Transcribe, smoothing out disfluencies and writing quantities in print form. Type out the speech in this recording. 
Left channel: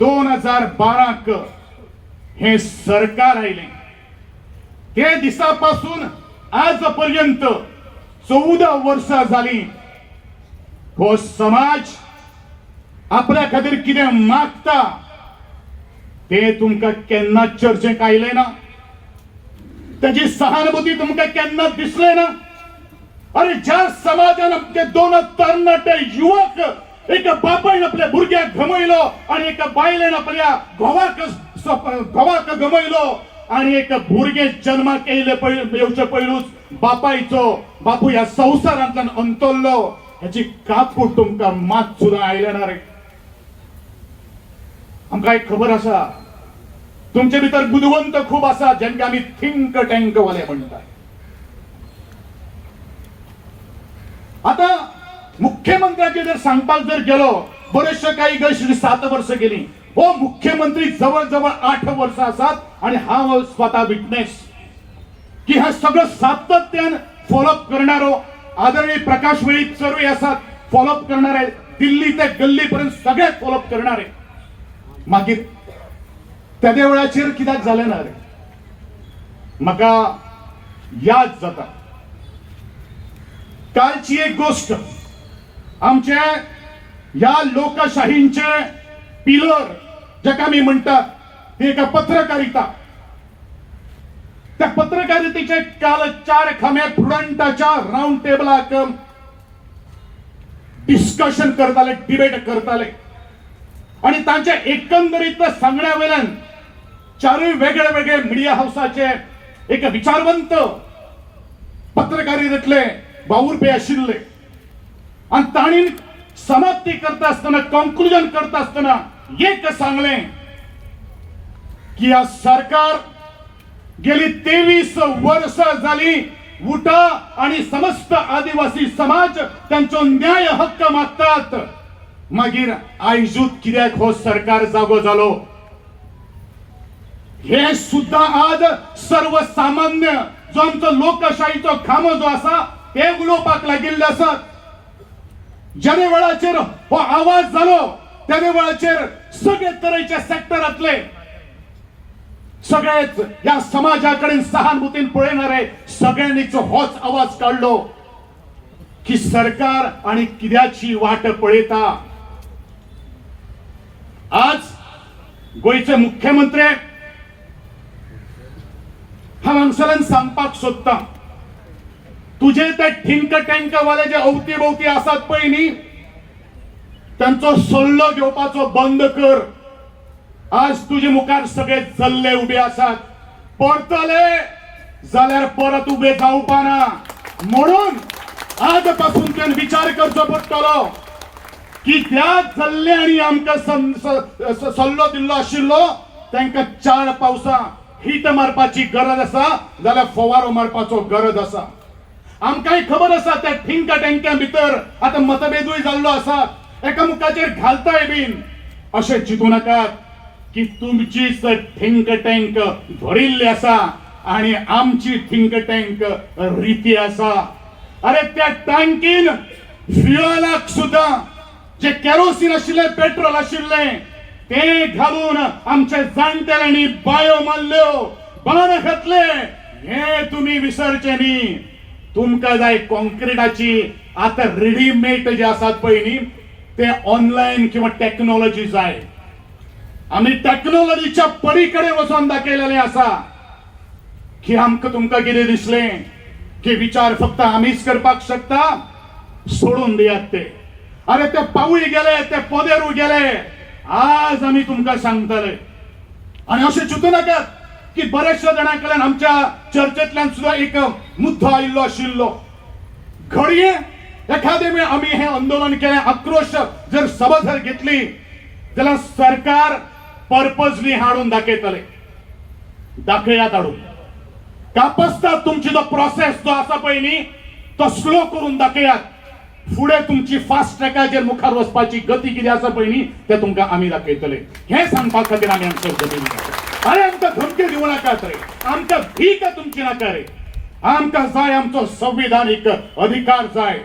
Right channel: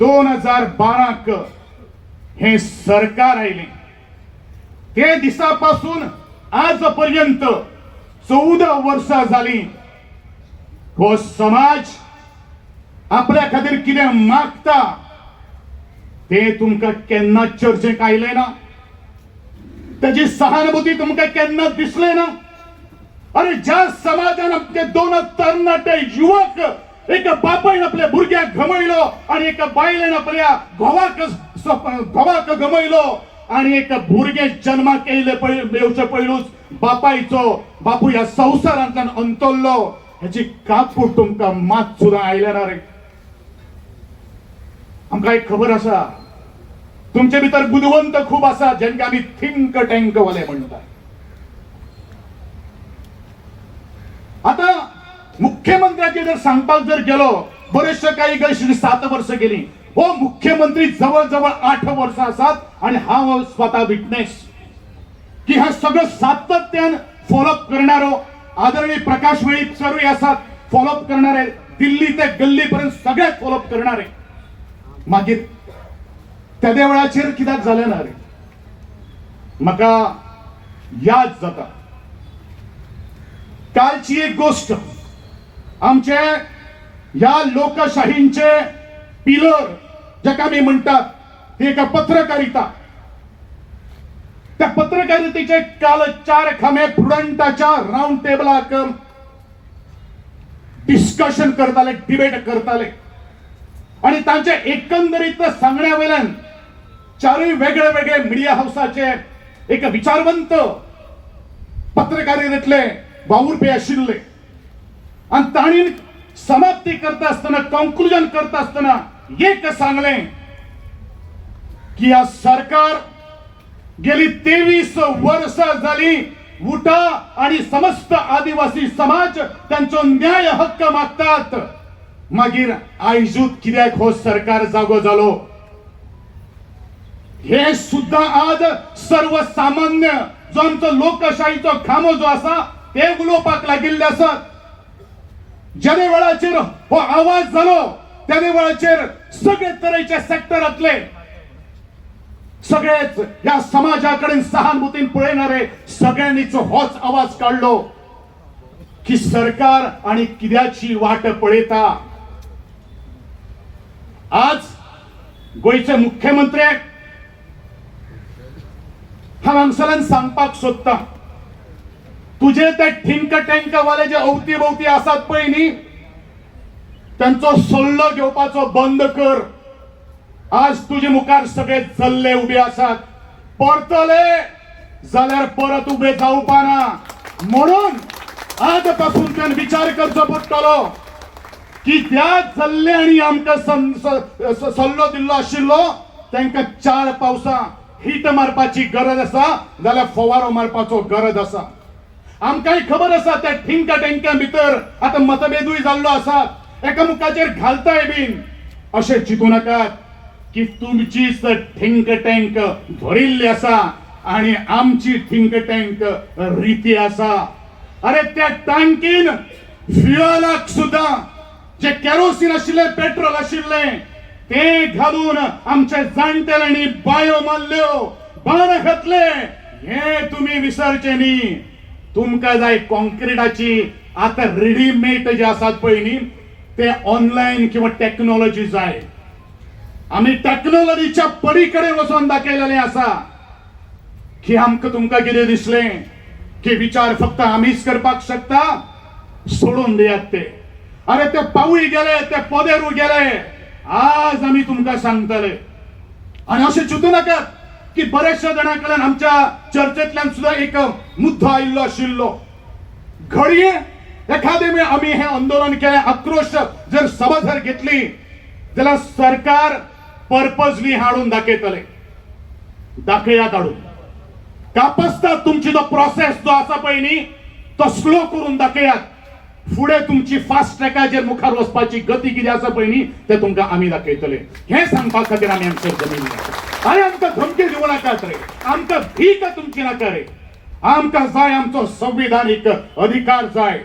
2012 हे सरकार आयले ते दिसापासून आजपर्यंत 14 वर्षां झाली. हो समाज आपल्या खातीर कितें मागता ते तुमकां केन्ना चर्चेक आयले ना. त्याची सहानुभूती तुमकां केन्ना दिसले ना. अरे ज्या समाजान आमचे 2 तरणाटे युवक एका बापान आपल्या भुरग्याक गमयलो आणि एका बायलेन आपल्या भावाक गमयलो आणि एक भुरगे जन्माक येवचे पयलूच बापू ह्या संवसारांतल्यान अंतरलो हेची काकूट तुमकां मात सुद्दां आयले ना रे. आमकां एक खबर आसा तुमचे भितर बुदवंत खूप आसा जेंका आमी थिंक टँक वाले म्हणटात. आता मुख्यमंत्र्याचे जर सांगपाक जर गेलो बरेचशे काही गैर 7 वर्ष गेली. हो मुख्यमंत्री जवळ 8 वर्ष आसात आणि हा स्वतः विटनेस की हा सगळं सातत्यान फॉलोअप करणारो आदरणीय प्रकाश वेळीप सर्वे आसात फॉलोअप करणारे दिल्ली ते गल्ली पर्यंत सगळे फॉलोअप करणारे. मागीर त्या वेळाचेर कित्याक जालें ना रे. म्हाका याद जाता कालची एक गोष्ट. आमचे या लोकशाहींचे पिलर जाका आमी म्हणटात ती एका पत्रकारिता. त्या पत्रकारितेचे काल 4 खांबे प्रुडंटाच्या राउंड टेबलाक डिस्कशन करताले डिबेट करताले आणि तांचे एकंदरीत सांगण्या वेल्यान 4 वेगळे मिडिया हाऊसाचे एक विचारवंत पत्रकारितेतले वावुरपे आशिल्ले आणि तांणी समाप्ती करता आसतना कन्क्लुजन करता आसतना एक सांगलें की हा सरकार गेली 23 वर्सां जाली उठा आणि समस्त आदिवासी समाज त्यांचो न्याय हक्क मागतात. मागीर आयजूत कित्याक हो सरकार जागो जालो हे सुद्धा आज सर्वसामान्य जो आमचो लोकशाहीचो खांबो जो आसा ते उलोवपाक लागिल्ले आसात. ज्या वेळाचेर हो आवाज जालो त्या वेळाचेर सगळे तरेचे सेक्टरातले सगळेच या समाजाकडे सहानुभूतीन पळयणारे सगळ्यांनीच होच आवाज काढलो की सरकार आणि कित्याची वाट पळयता. आज गोयचे मुख्यमंत्री हांव हांगसरल्यान सांगपाक सोदता तुझे ते थिंक टँक वाले जे अवती आसात पळय न्ही त्यांचो सल्लो घेवपाचो बंद कर. आज तुझे मुखार सगळे जल्ले उबे आसात. परतले जाल्यार परत उबे जावपा ना. म्हणून आजपासून तुवें विचार करचो पडटलो की त्या जल्ल्यांनी आमकां सल्लो दिल्लो आशिल्लो तांकां 4 पावसां हीट मारपाची गरज आसा जाल्यार फवारो मारपाचो गरज आसा. आमकांय खबर आसा त्या थिंक टँक्या भितर आतां मतभेदूय जाल्लो आसा एकामेकाचेर घालताय बीन. अशें चिंतू नाकात की तुमचीच थिंक टँक भरिल्ली आसा आणि आमची थिंक टँक रिती आसा. अरे त्या टँकीन फ्युअलाक सुद्धा जे केरोसीन आशिल्ले पेट्रोल आशिल्ले ते घालून आमचे जाणटेल्यांनी बायो मारल्यो बाण घातले हे तुम्ही विसरचे न्ही. तुमकां जाय कॉन्क्रीटाची आता रेडीमेड जे आसात पळय न्ही ते ऑनलायन किंवा टेक्नॉलॉजी जाय. आमी टेक्नॉलॉजीच्या पलीकडे वचून दाखयलेले आसा की आमकां तुमकां कितें दिसलें की विचार फक्त आमीच करपाक शकता सोडून दियात ते. अरे ते पावूय गेले ते पोदेरूय गेले. आज आमी तुमकां सांगतले आणि अशें चिंतू नाकात की बरेचशा जाणांकडल्यान आमच्या चर्चेंतल्यान सुद्धा एक मुद्दो आयिल्लो आशिल्लो. घडये एखादे वेळ आमी हे आंदोलन केलें आक्रोश जर सभा जर घेतली जाल्यार सरकार पर्पजली हाडून दाखयतले. दाखयात हाडून कापसतात तुमची जो प्रोसेस जो आसा पळय न्ही तो स्लो करून दाखयात. फुडें तुमची फास्ट ट्रॅकाचेर मुखार वचपाची गती कितें आसा पळय न्ही ते तुमकां आमी दाखयतले. हे सांगपा खातीर आमी आमचेर जमिल्ले. अरे आमकां धमकी दिवं नाकात रे. आमकां भीक तुमची नाका रे. आमकां जाय आमचो संविधानीक अधिकार जाय.